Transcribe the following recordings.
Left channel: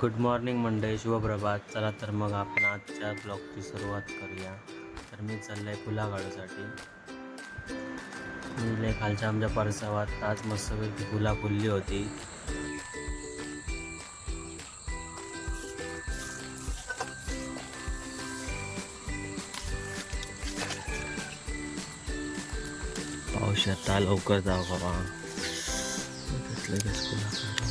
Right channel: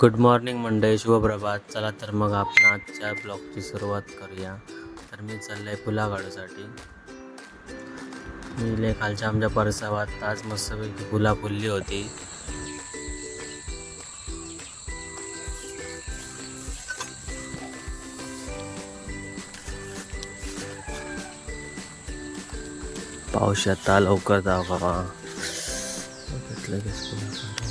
Good morning मंडळी शुभप्रभात चला तर मग आपण आजच्या ब्लॉगची सुरुवात करूया. तर मी चाललं आहे फुला काढूसाठी मी इले खालच्या आमच्या परसावात आज मस्तपैकी फुला फुलली होती. पाऊस आता लवकर जाव? बाबा फुला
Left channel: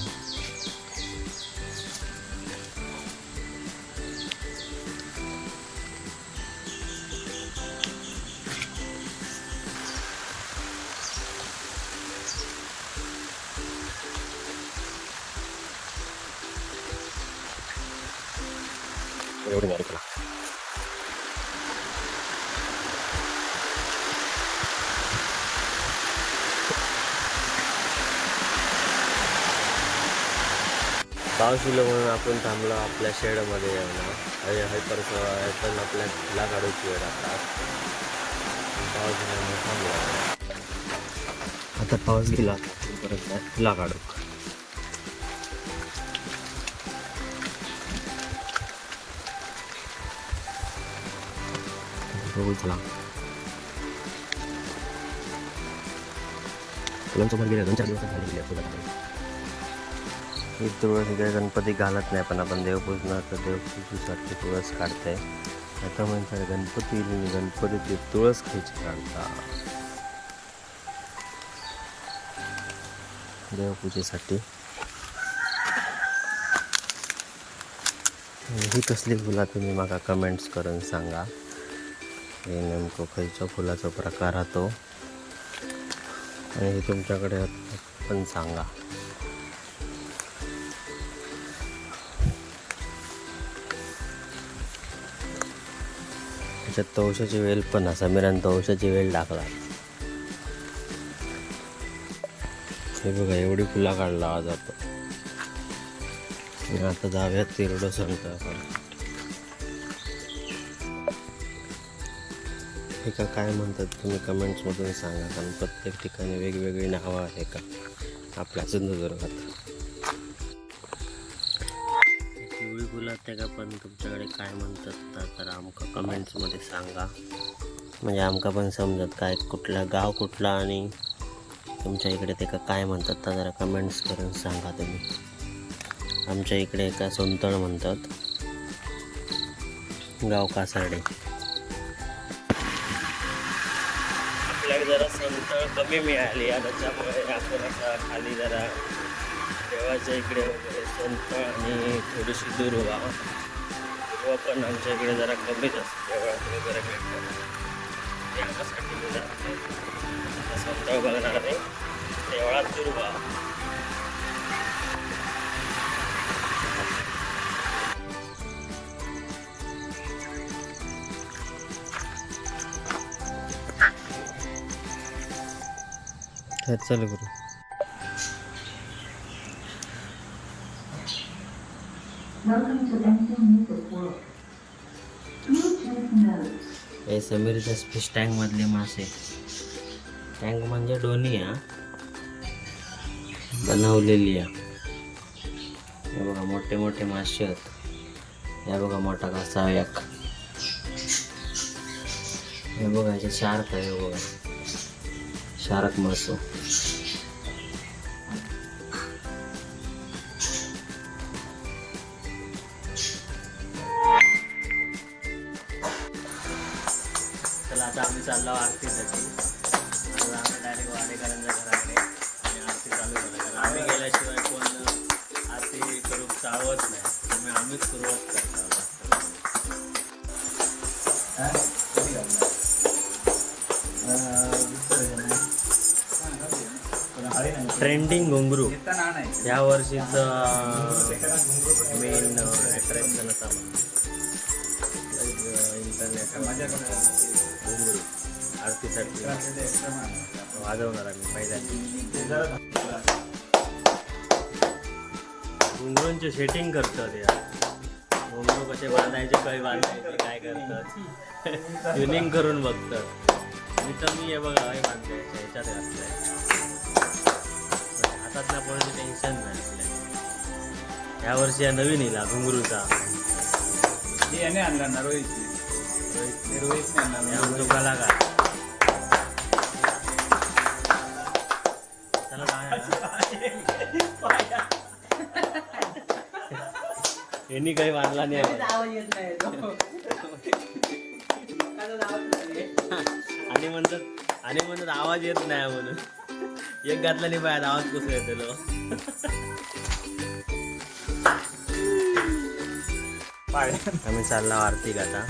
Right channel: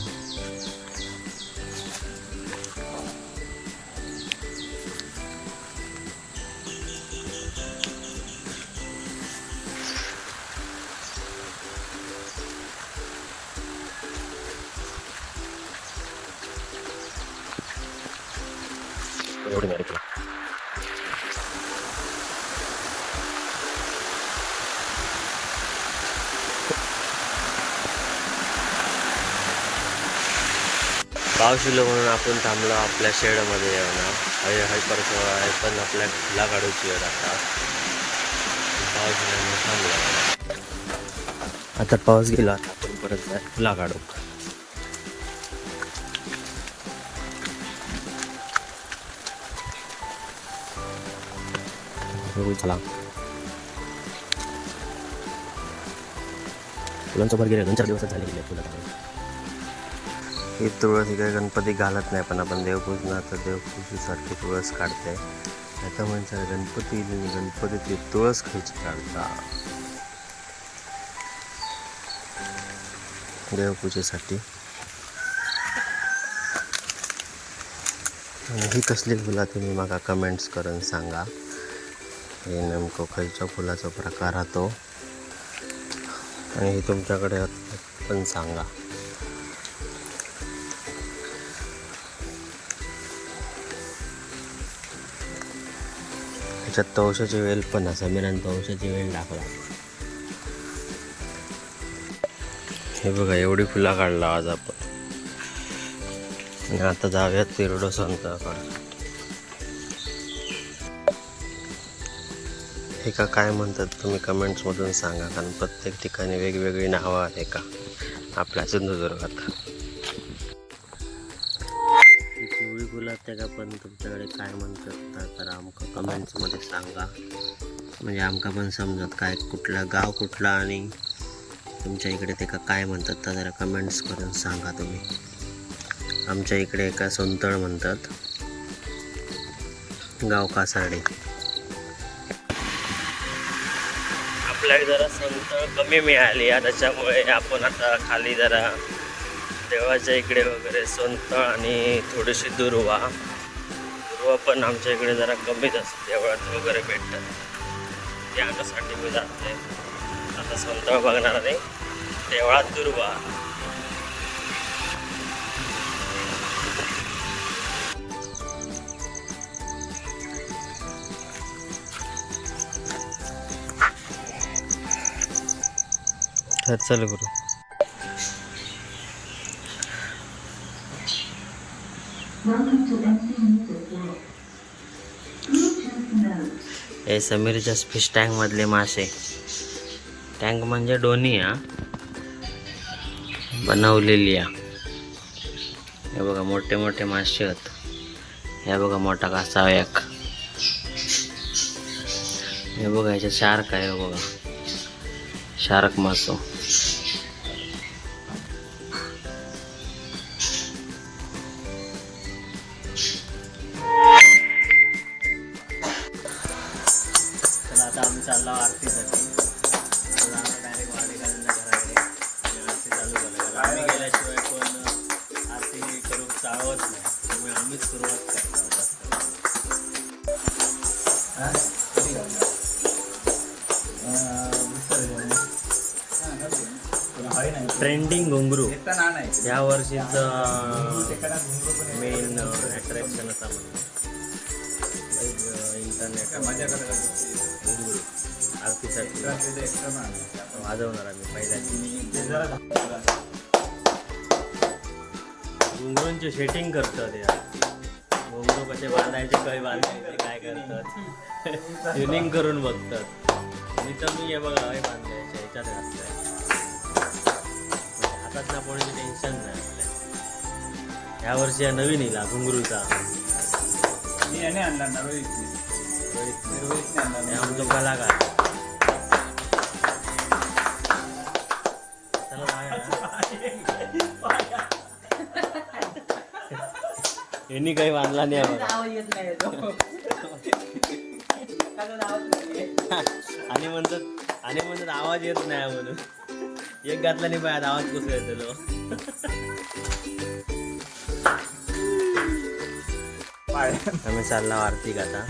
पाऊस येलो म्हणून आपण थांबलो आपल्या शेडमध्ये येऊन. हय हय परत आहे पण आपल्या फुला काढूची वेळ आता. पाऊस गेल्यामुळे थांबलो. आता पाऊस गेला आता आपण परत फुला काढू हो, चला. फुलांचं भर गेले दोन चार दिवसात झाले गेले फुलं काढून ही तुळस इकडे गणपती घालत नाही पण आपण देवपूजनाचं देवपूजेसाठी तुळस काढते आता म्हणजे गणपती गणपतीची तुळस खायची काढता देवपूजेसाठी. आणि ही कसली फुला तुम्ही म्हाका कमेंट्स करून सांगा. हे नेमकं खयच्या फुलाचा प्रकार राहतो. आणि हे तुमच्याकडे पण सांगा. त्याच्यात तवशाची वेल पण असा मिरान तवशाची वेल टाकला हे बघा एवढी फुला काढला आज आपण. आता जाऊयात तिरडो संताकडे हे काय म्हणतात तुम्ही कमेंट्समधून सांगा कारण प्रत्येक ठिकाणी वेगवेगळी नावं आहे का? आपल्या सिंधुदुर्गात. पिवळी फुलं त्या का पण तुमच्याकडे काय म्हणतात? तर आमका कमेंट्समध्ये सांगा. म्हणजे आमकां पण समजत काय कुठला गाव कुठला आणि तुमच्या इकडे ते का काय म्हणतात तर जरा कमेंट्स करून सांगा तुम्ही. आमच्या इकडे एका सोंतळ म्हणतात गाव कासारडे. आपल्याकडे जरा सोंतळ कमी मिळाली आहे त्याच्यामुळे आपण आता खाली जरा देवाच्या इकडे वगैरे सुंतळ आणि थोडीशी दुर्वा किंवा पण आमच्या इकडे जरा कमीच असते देवळात वगैरे भेटतात. त्यासाठी मी जाते. आता सोंतळ बघणार नाही देवळात दुर्वा. तर चल गुरु. हे समीरच्या फिश टँकमधले मासे. टँक म्हणजे डोनी हा. बनवलेली हे. बघा मोठे मोठे मासे आहेत. हे बघा मोठा कासा एक. हे बघा ह्याच्यात शार्क आहे हे बघा. शार्क मासो. आम्हीच सुरुवात करतो. ट्रेंडिंग घुंगरू. या वर्षीचं मेन अट्रॅक्शन होता म्हणून इंटरनेट घुंगरू. आरतीसाठी वाजवणार आम्ही पहिल्यांदा घुंगरूंचे शेटिंग करतात या घुंगरू कसे बांधायचे काही बांधायचे काय करतात. ट्युनिंग करून बघतात. मी तर मी हे बघा हे बांधायचे ह्याच्यात घातलंय हातात ना पडण्याचं टेन्शन नाही आपल्या. या वर्षी हा नवीन येईल घुंगरूचा. मी याने आणला ना रोहित आणला हे आमचो कलाकार. यांनी काही मानला नाही. आणि म्हणतात आणि म्हणतात आवाज येत नाही म्हणून एक घातला नाही पाहिजे आवाज कसं येतो आम्ही चालला आरतीक आता.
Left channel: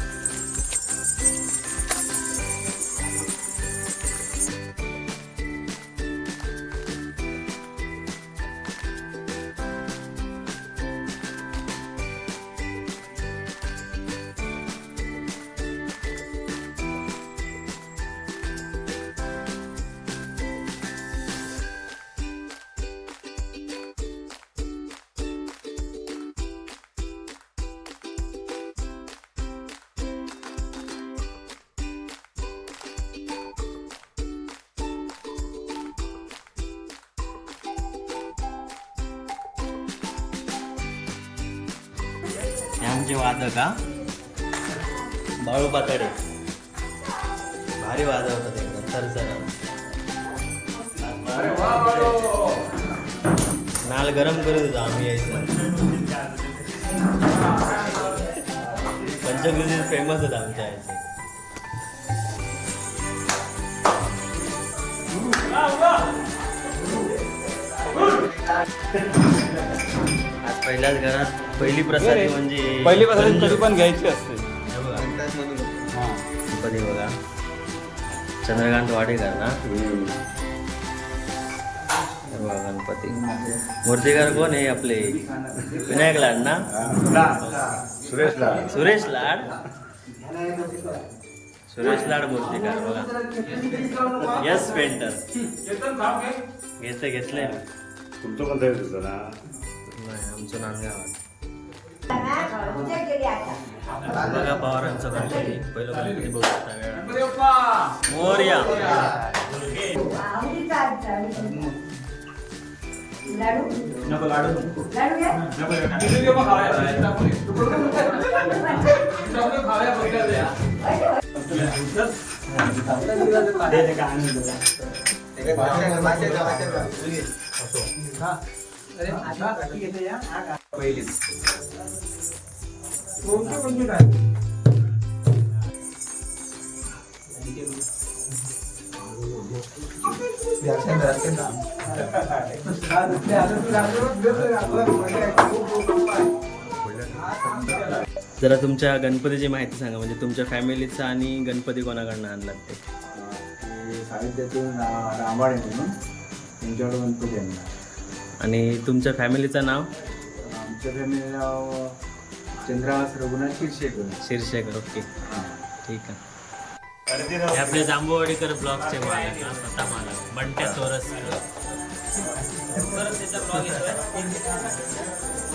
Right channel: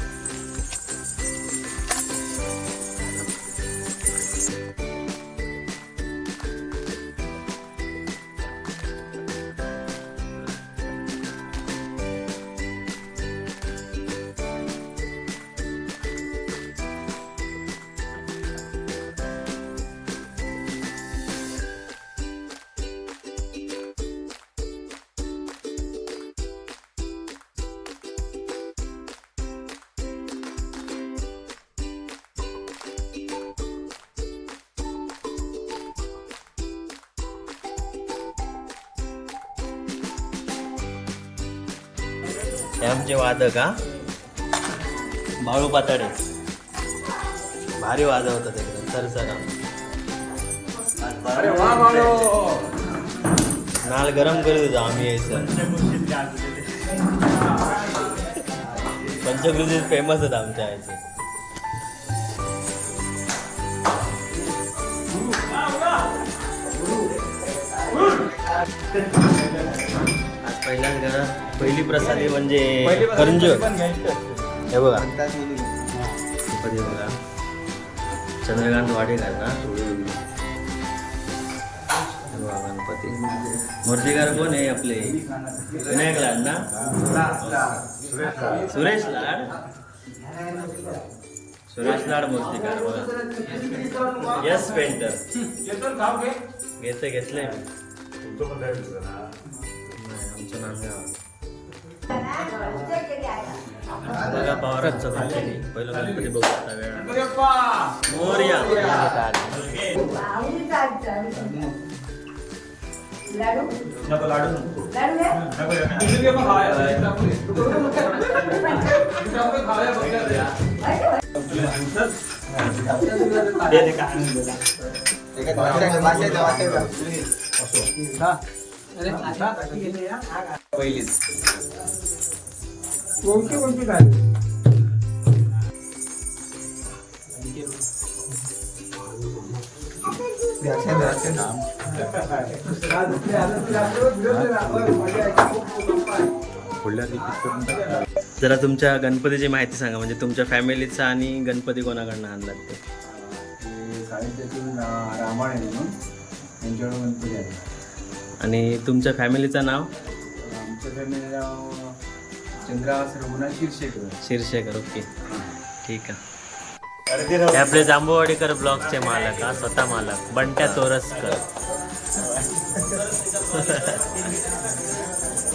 हे आमचे वादक हा? बाळू पाताडे. भारी वाजवतात एकदम सरसर नाल गरम करीत होतो आम्ही यायचं. पंचकृषी फेमस आहेत आमच्या याचे आज पहिल्याच घरात पहिली प्रसादी म्हणजे पहिली करंजी पण घ्यायची असते. हे बघा. गणपती बघा चंद्रकांत वाडेकर ना? हे बघा गणपती. मूर्तिकार कोण आहे आपले? विनायक लाड ना? सुरेश लाड. सुरेश लाड? मूर्तिकार बघा. यस पेंटर घेतलं घेतलंय मी नाही आमचं नांदगाव बघा पवारांचा गणपती. पहिलं गणपती बघू आता वेळा मोर्या. लाडू पहिलीच कोणती कोणती काय जरा तुमच्या गणपतीची माहिती सांगा म्हणजे तुमच्या फॅमिलीचा आणि गणपती कोणाकडनं आणला ते? साहित्यातून रामायण म्हणून त्यांच्याकडे गणपती आणला. आणि तुमच्या फॅमिलीचं नाव? आमच्या फॅमिली नाव चंद्रवास रघुनाथ शिरशेकर शिरशेकर ओके. ठीक आहे. हे आपले जांभूवाडीकर ब्लॉगचे मालक हा स्वतः मालक बंट्या तोरसकर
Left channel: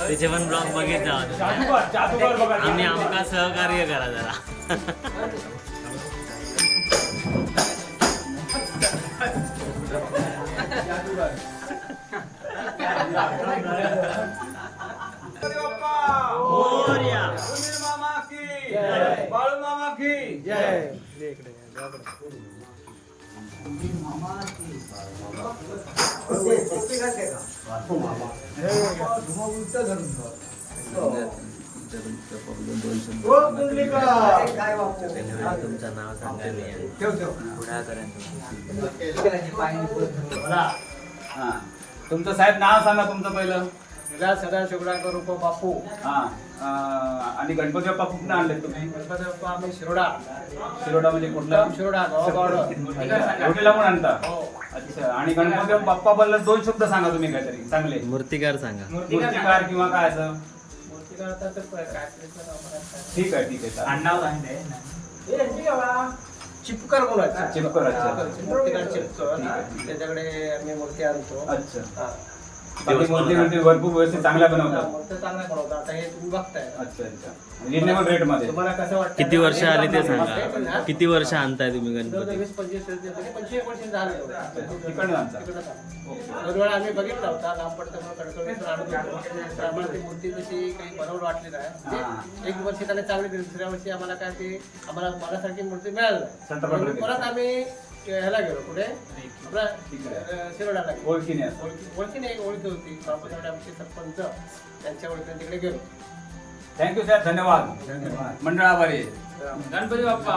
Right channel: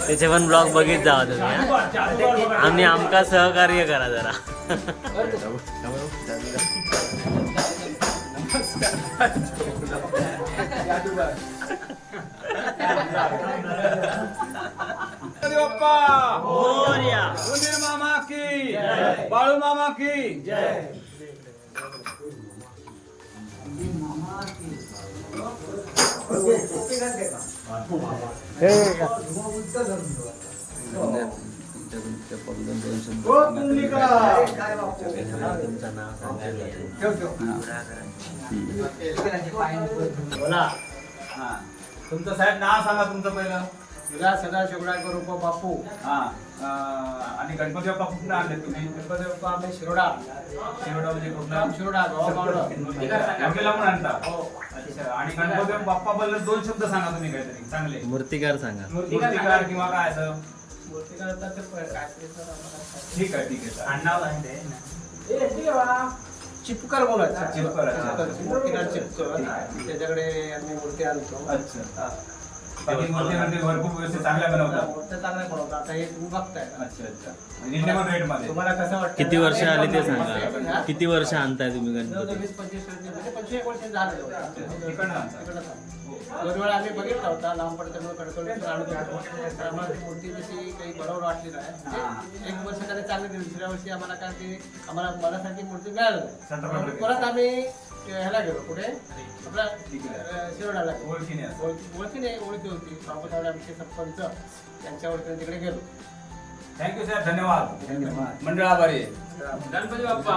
त्याचे पण ब्लॉग बघित जावा तुम्ही आम्ही आमका सहकार्य करा जरा. मोरया. मामा की बाळू मामा की तुमचं नाव सांगायला बोला. हां तुमचं साहेब नाव सांगा तुमचं पहिलं. विलास सदा शिवडाकर उप बापू. हा. अं, आणि गणपती बाप्पा कुठून आणले तुम्ही? गणपती बाप्पा आम्ही शिरोडा. शिरोडा म्हणजे कुठला? शिरोडा गावागावला एवढीला पण आणता? हो. अच्छा. आणि गणपती बाप्पा बद्दल दोन शब्द सांगा तुम्ही काहीतरी. चांगले. मूर्तिकार सांगा. मूर्तिकार किंवा काय असं? ठीक आहे ठीक आहे. चालेल. काय. हे ती. बा, चिपकर बोलायचं चिपकर, अच्छा. चिपकर. त्याच्याकडे आम्ही मूर्ती आणतो अच्छा हा. मूर्ती भरपूर व्यवस्थित चांगल्या बनवतात. आता हे तुम्ही बघताय. अच्छा अच्छा. रिजनेबल रेटमध्ये. तुम्हाला कसं वाटतं? किती वर्ष आली ते सांगा. किती वर्ष आणताय तुम्ही गणपती? वीस पंचवीस म्हणजे पंचवीस वर्ष झालेलं होतं. तिकडनं आणता. तिकडनं आणता. दोन वेळा आम्ही बघितला होता. लांब पडतं कडकडून आणून घेतो तर आम्हाला ती मूर्ती जशी काही बरोबर वाटली नाही. म्हणजे एक वर्षी त्याने चांगली दिली. दुसऱ्या वर्षी आम्हाला काय ते आम्हाला मनासारखी मूर्ती मिळाली नाही. म्हणून. परत आम्ही ह्याला गेलो कुठे? आपला ओळखीने. ओळखी ओळखी होती. बाबासाहेब आमचे सरपंच. त्यांच्या ओळखीने तिकडे थँक्यू साहेब धन्यवाद. मंडळ आभारी. गणपती बाप्पा.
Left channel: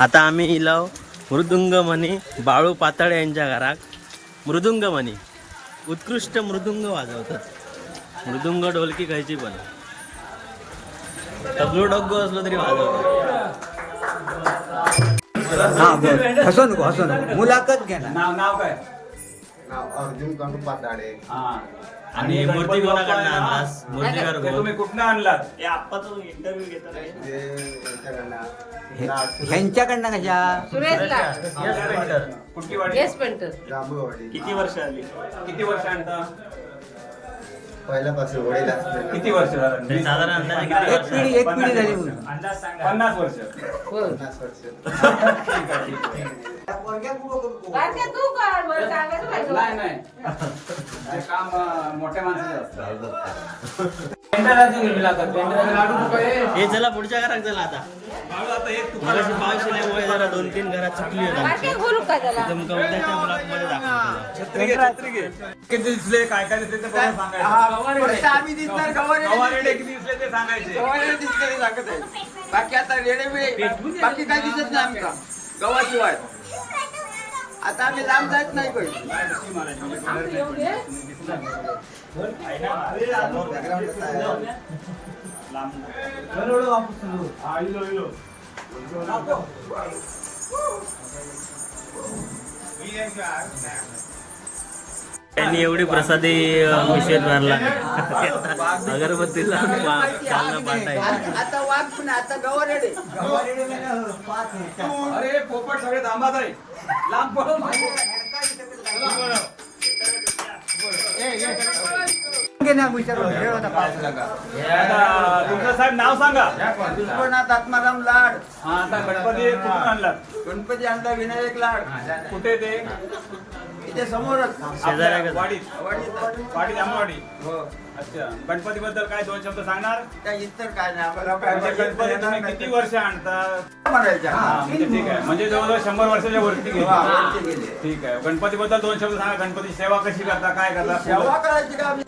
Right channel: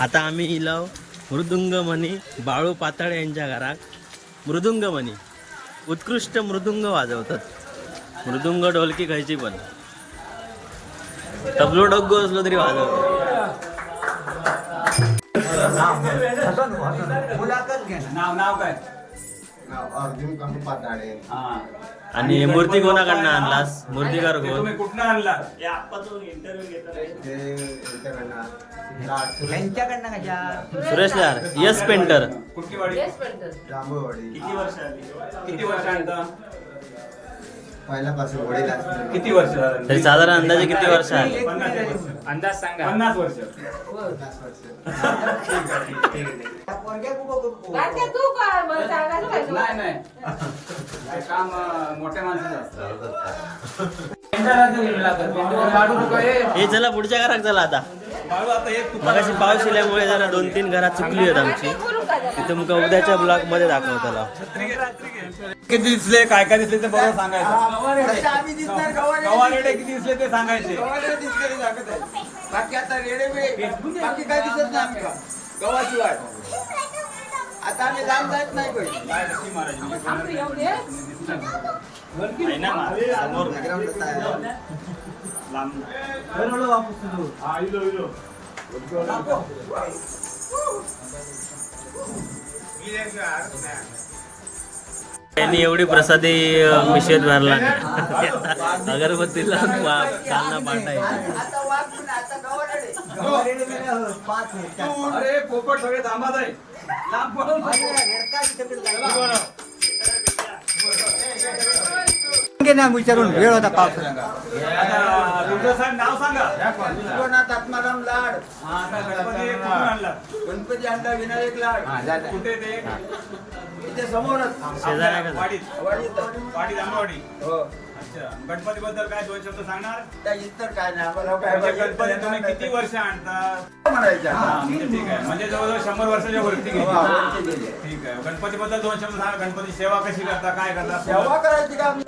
आता आम्ही इलाव मृदुंगमणी बाळू पाताळे यांच्या घरात. मृदुंगमणी. उत्कृष्ट मृदुंग वाजवतात. मृदुंग ढोलकी खायची पण. तबलो डग्गो असलो तरी वाजवतो हसू नको हसू नको मुलाखत नाव नाव काय? अर्जुन हा. आणि मूर्ती कोणाकडनं आणलास? मूर्तीकार ते कोण तुम्ही कुठनं आणलात? ते यांच्याकडनं यांच्याकडनं कशा सुरेश यार यस पेंटर कुठली वाडी? जांभूळवाडी. किती वर्ष आणता? पहिल्यापासून वडील किती वर्ष झालं? तरी साधारण अंदाजे किती वर्ष आहे एक पिढी झाली. म्हणून अंदाज सांगा. पन्नास वर्ष. पन्नास वर्ष. ठीक आहे ठीक आहे. नाही नाही नाही, काम अं, मोठ्या माणसाचं असतं. हे चला पुढच्या घरात चला आता. हे तू- मगाशी पाऊस आल्यामुळे जरा दोन तीन घरात चुकली आहेत आमची. तिथं मग उद्याच्या ब्लॉकमध्ये दाखवतो किती दिसले? काय काय दिसले ते बरोबर सांगायचं. फक्त आम्ही दिसणार गवारे गव्हारेडे किती दिसले ते सांगायचे. गवारे दिसणारे सांगत आहे. बाकी आता रेडे बाकी काही दिसत नाही आमका गव्हाशिवाय. आता आम्ही लांब जायच नाही इलो. त्यांनी एवढी प्रसादी अं, मिशेत भरला नाही. अगरबत्तीला कालना पाठायची अरे पोपट सगळे धामात आहे लांब विचारून वेळ होता पाऊस आता तुमचं साहेब नाव सांगा. विश्वनाथ आत्माराम लाड. हा आता गणपती कुठून आणला गणपती आणला विनायक लाड. कुठे ते? इथे समोरच. शेजाऱ्या वाडीत. वाडीत. हो. अच्छा. गणपती बद्दल काय दोन शब्द सांगणार? काय इतर काय नाही आम्हाला काय म्हणजे गणपती तुम्ही नाही. किती वर्ष आणता? म्हणायचं हा. म्हणजे ठीक आहे. म्हणजे जवळजवळ शंभर वर्षाच्या वरती गेली. वा, वरती गेली. ठीक आहे. गणपती बद्दल दोन शब्द सांगा. गणपती सेवा कशी करता काय करता? सेवा करायची का? आम्ही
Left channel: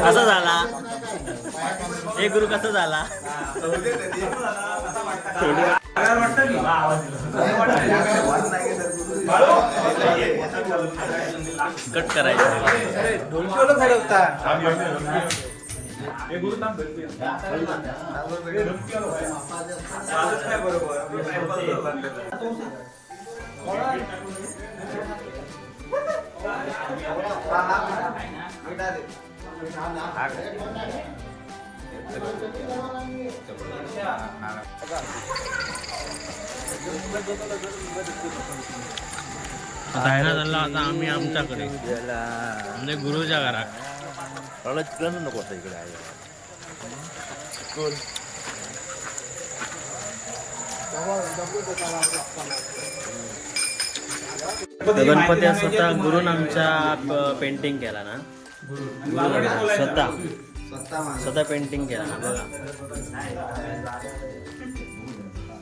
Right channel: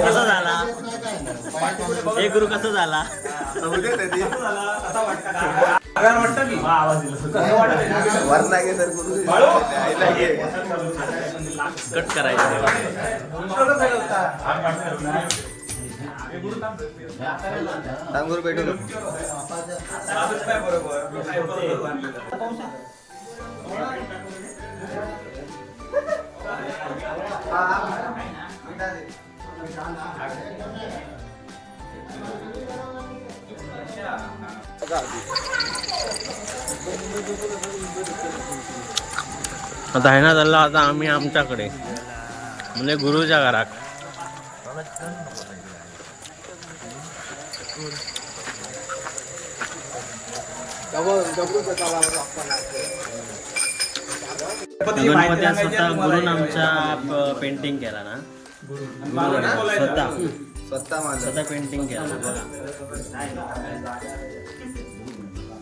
कसा झाला? हे गुरु कसा झाला? कट करायचं. काय बरोबर आता आहे ना झाला आता आम्ही आमच्याकडे. म्हणजे गुरुच्या घरात. गणपती स्वतः गुरुन आमच्या पेंटिंग केला ना? गुरु स्वतः स्वतः. स्वतः पेंटिंग केला ना बघा.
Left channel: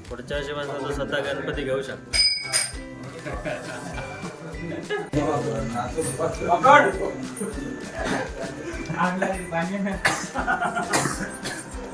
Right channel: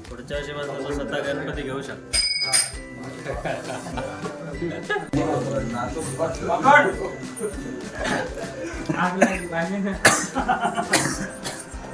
पुढच्या वर्षीपासून तो स्वतः गणपती घेऊ शकतो.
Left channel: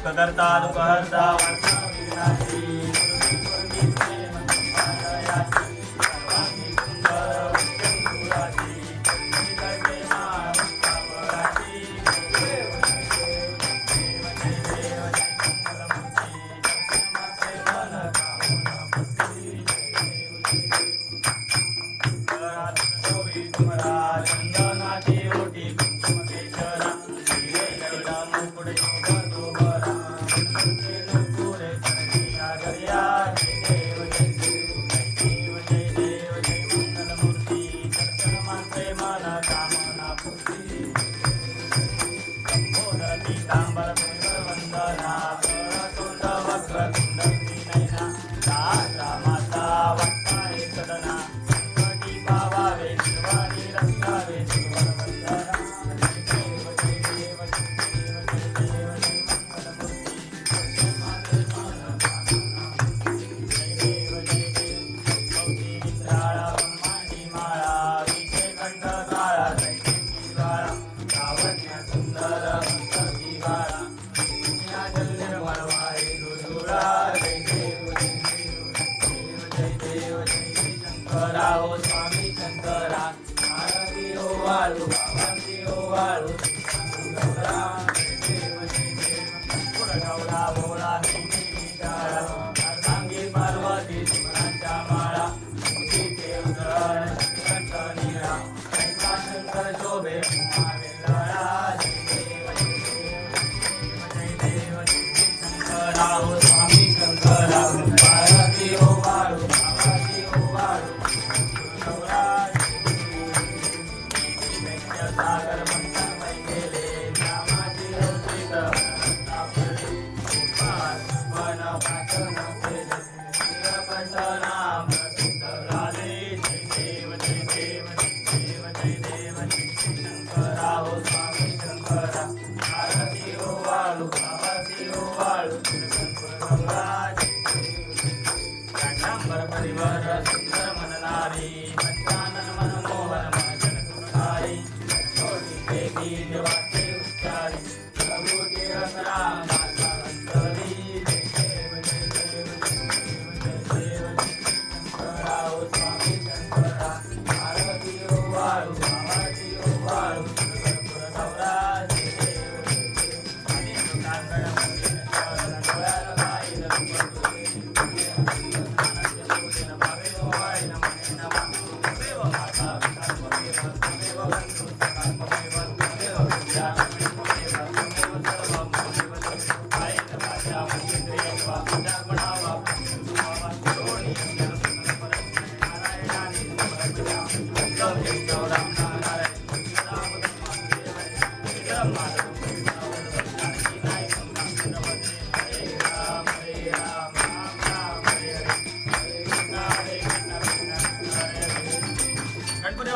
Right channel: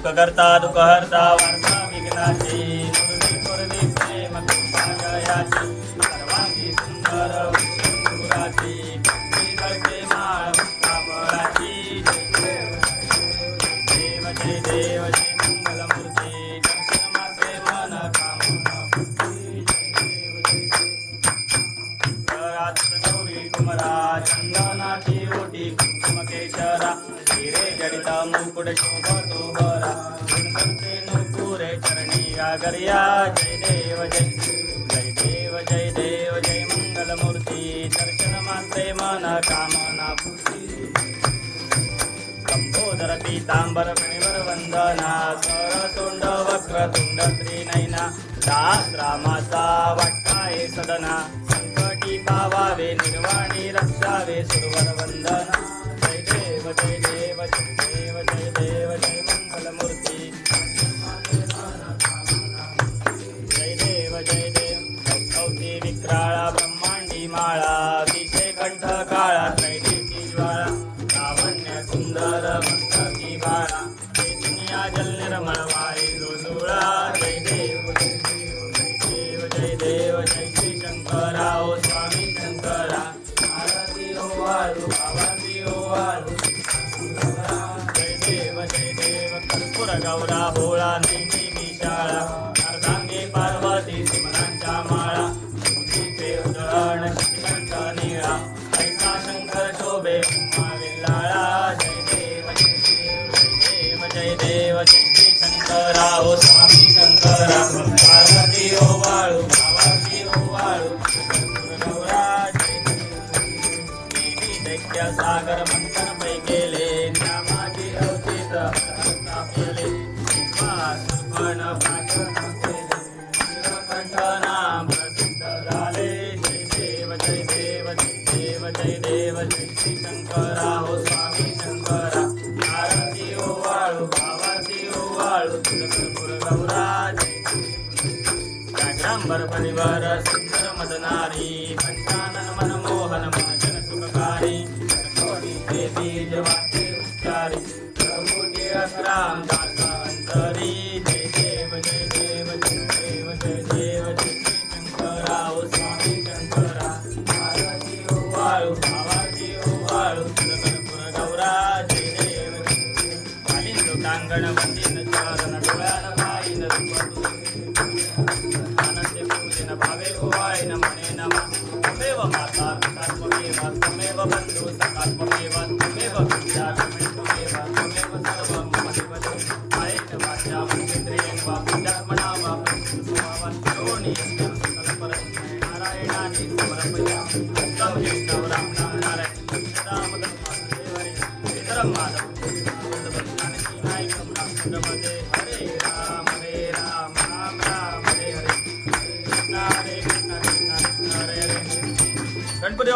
सुखकर्ता दुखहर्ता वर्ता विघ्नाशी.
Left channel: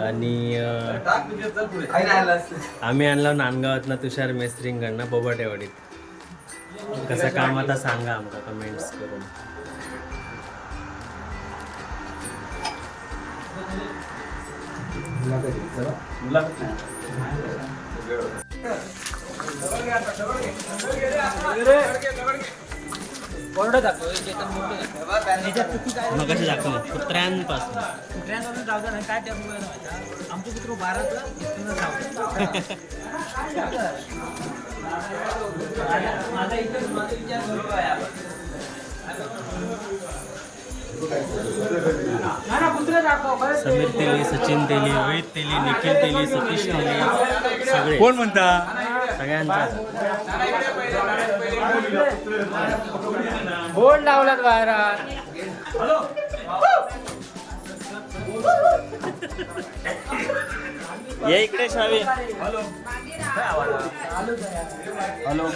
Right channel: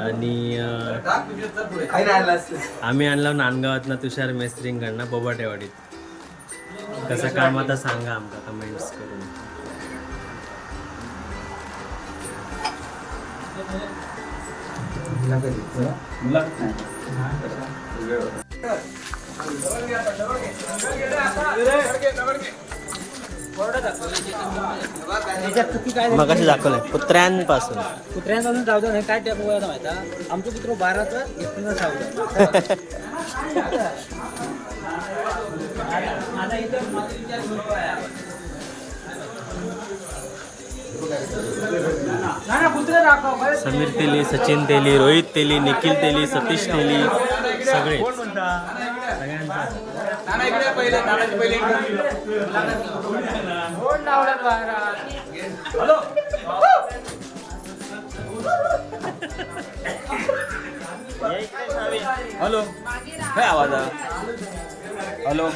आणि आम्ही आणला नांदगावातनं तुषार मेस्त्रींकडनं बोबाटेवाडीत कसं काम आता सांगा आमका कमेंट्स करून. मग कशी दाखवलं कुत्र्यांपासून. कुत्र्यांपासून जाऊ नाही काय त्या मोबाईल माहिती आमचं कुत्र बाराचं एकटीनं समीर तेली सचिन तेली रोहित तेली निखिल तेली सतीश तेली सगळे. कोण म्हणता? सगळ्यांचा बोर्ड लावणार बाहेर ये इकडे शावी हॅलो काय आवाज हॅलो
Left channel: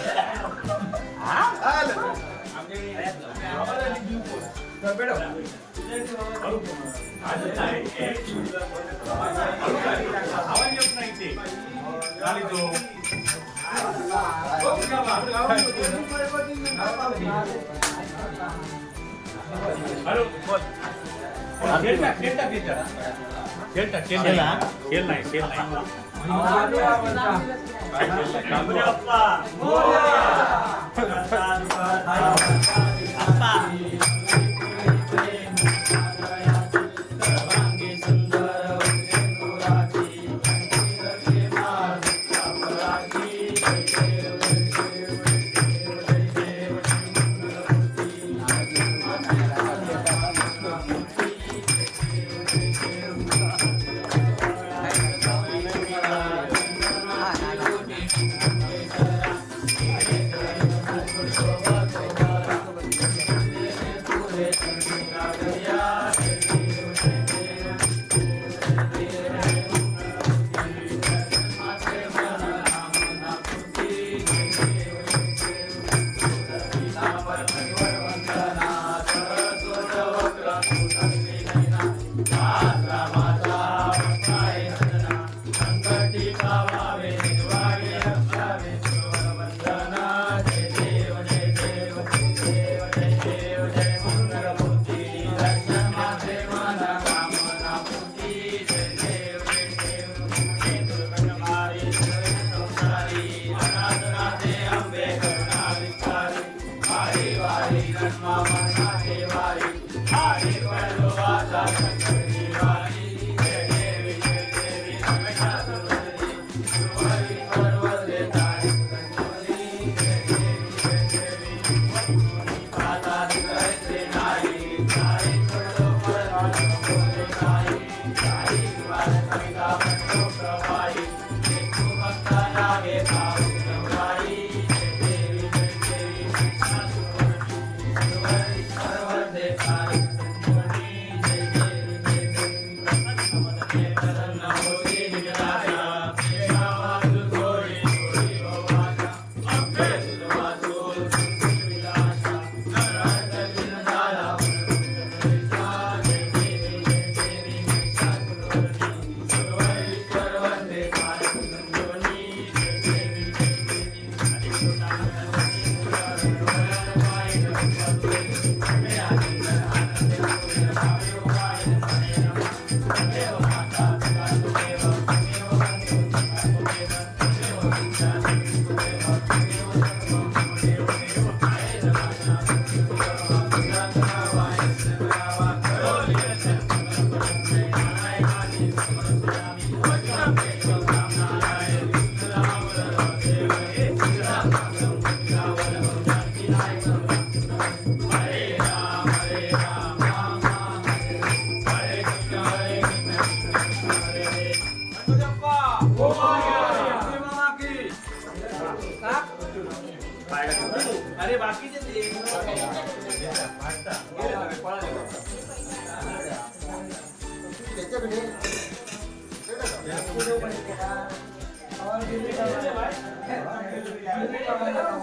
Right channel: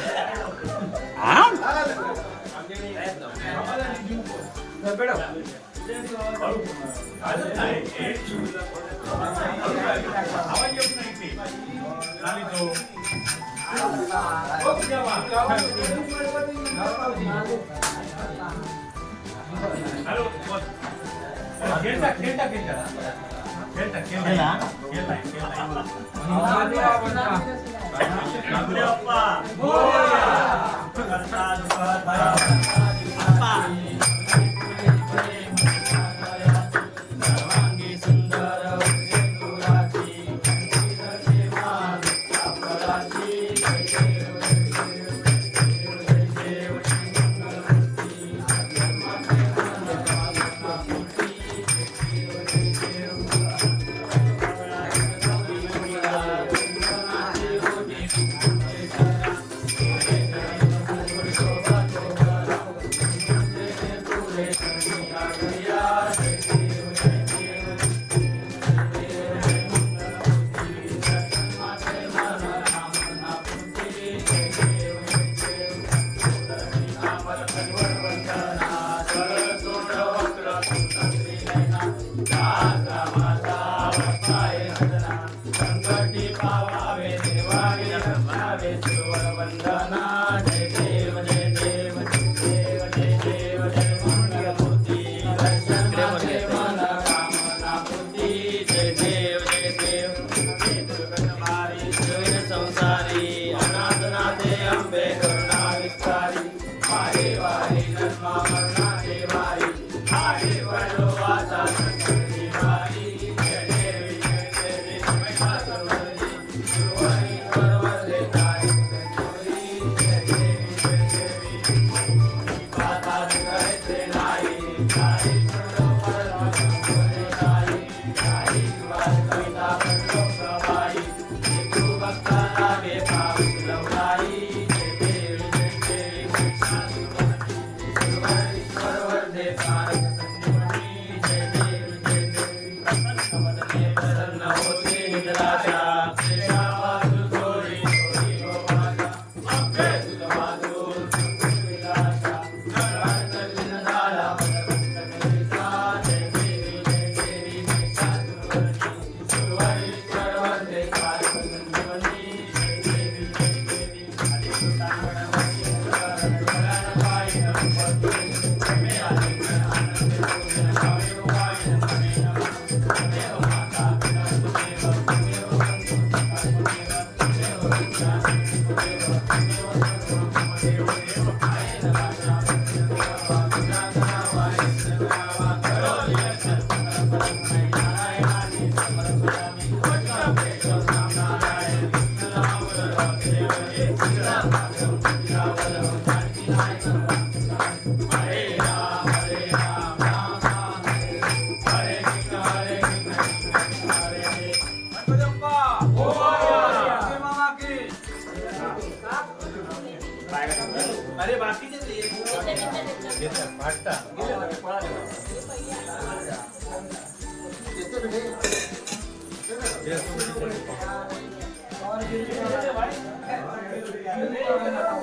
खेलता खेलता खेलता खेलता खेलता खेलना है खेलना है अप्पा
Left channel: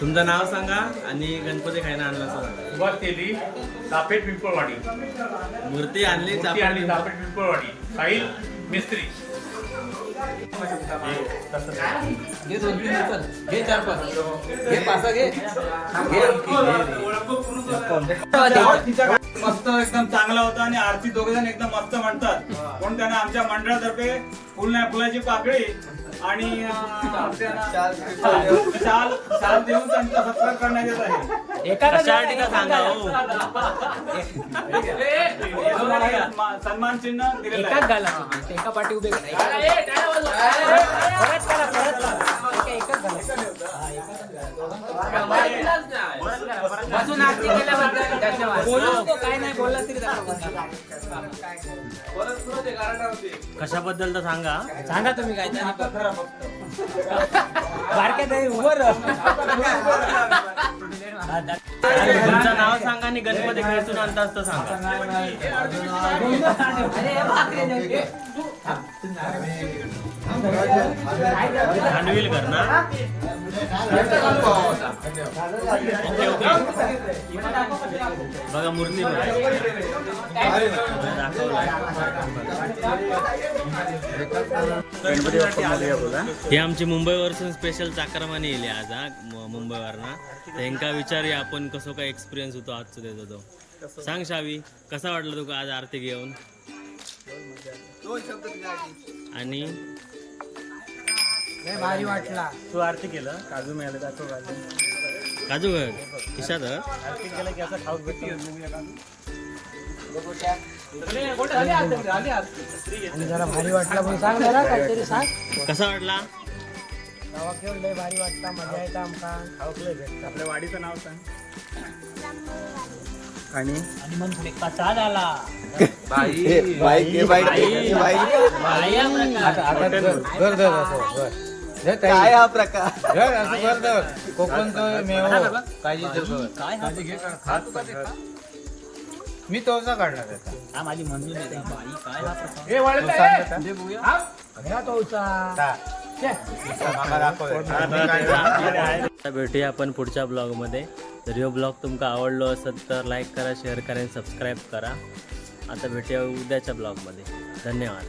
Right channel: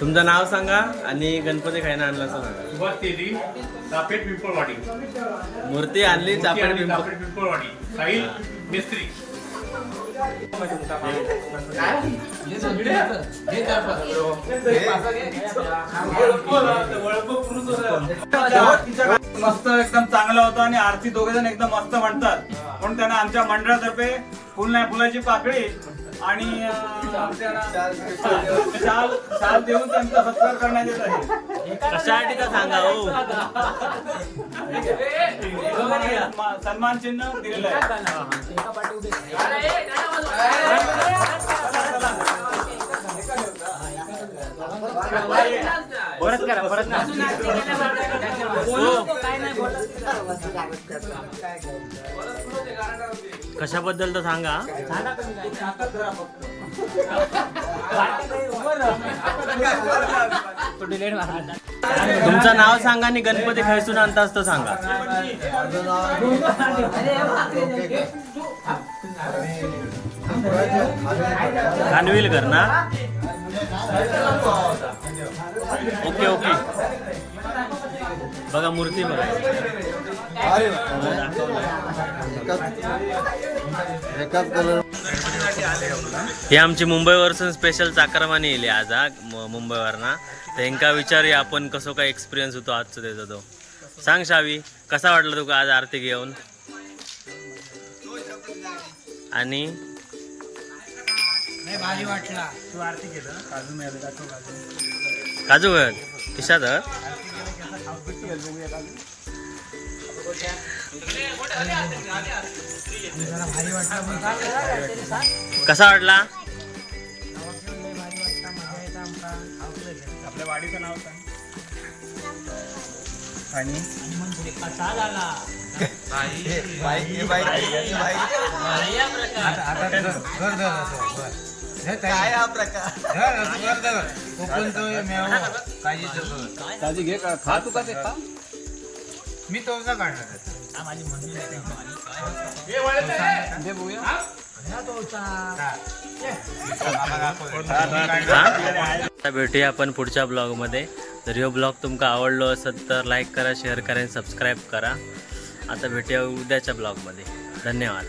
तुमचं नाव सांगा आणि गणपती खायला आणला सांगा. सुरुवात केली चापेट पिंपळवाडी. मूर्ती आणली मूर्ती आणि चापेट पिंपळवाडी. साहिल मिस्त्री. मस्त एकदम चांगला होता आणि आरती दोघे जण एकदम मस्त म्हणतात. म्हणून त्यांना आमच्या मंडळातर्फे फुल नाही फुलाची पाकळी. आणि शाल शाल देऊन त्यांचा सत्कार करण्यात येत आहे. कशासाठी तर सांगा हो. सन्मान चिन्ह दिलेलं आहे. हो कशाबद्दल तर सांगा. तुमचं नाव सांगा आणि गणपती खैसून आणताच तर सांगा. खांडविलकर ना? ओके ओके बघा मूर्ती बघा. मला दाखवलाय. ही आमची मुंबईवरसून स्पेशल चाकरमानी येली आज हा मु- मुंबईवरना. विचारूया आपण कसो काय एक्सपिरियन्स होतो आजचं त्याचा तो. सांग शावी कसा वाटला तुका आज आरती घेऊन? आणि भारी वाटला काजू घाल किशात हत? जरा भारी वाटला म्हणून सांग जरा काहीतरी सांग कसा वाटला भारी वाटला मजा येता आमका आपल्या वाडीचं नाव सांग आणि हे हे काय हा प्रकार? मी तोचा काढणार माझी मम्मी हा? आता भेटूया आपण पुढच्या ब्लॉगमध्ये. जर ह्यो ब्लॉग तुमका आवडलो असेल तर लाईक करा शेअर करा आणि सबस्क्राईब करा. आता भेटूया उद्याच्या ब्लॉगमध्ये. धन्यवाद.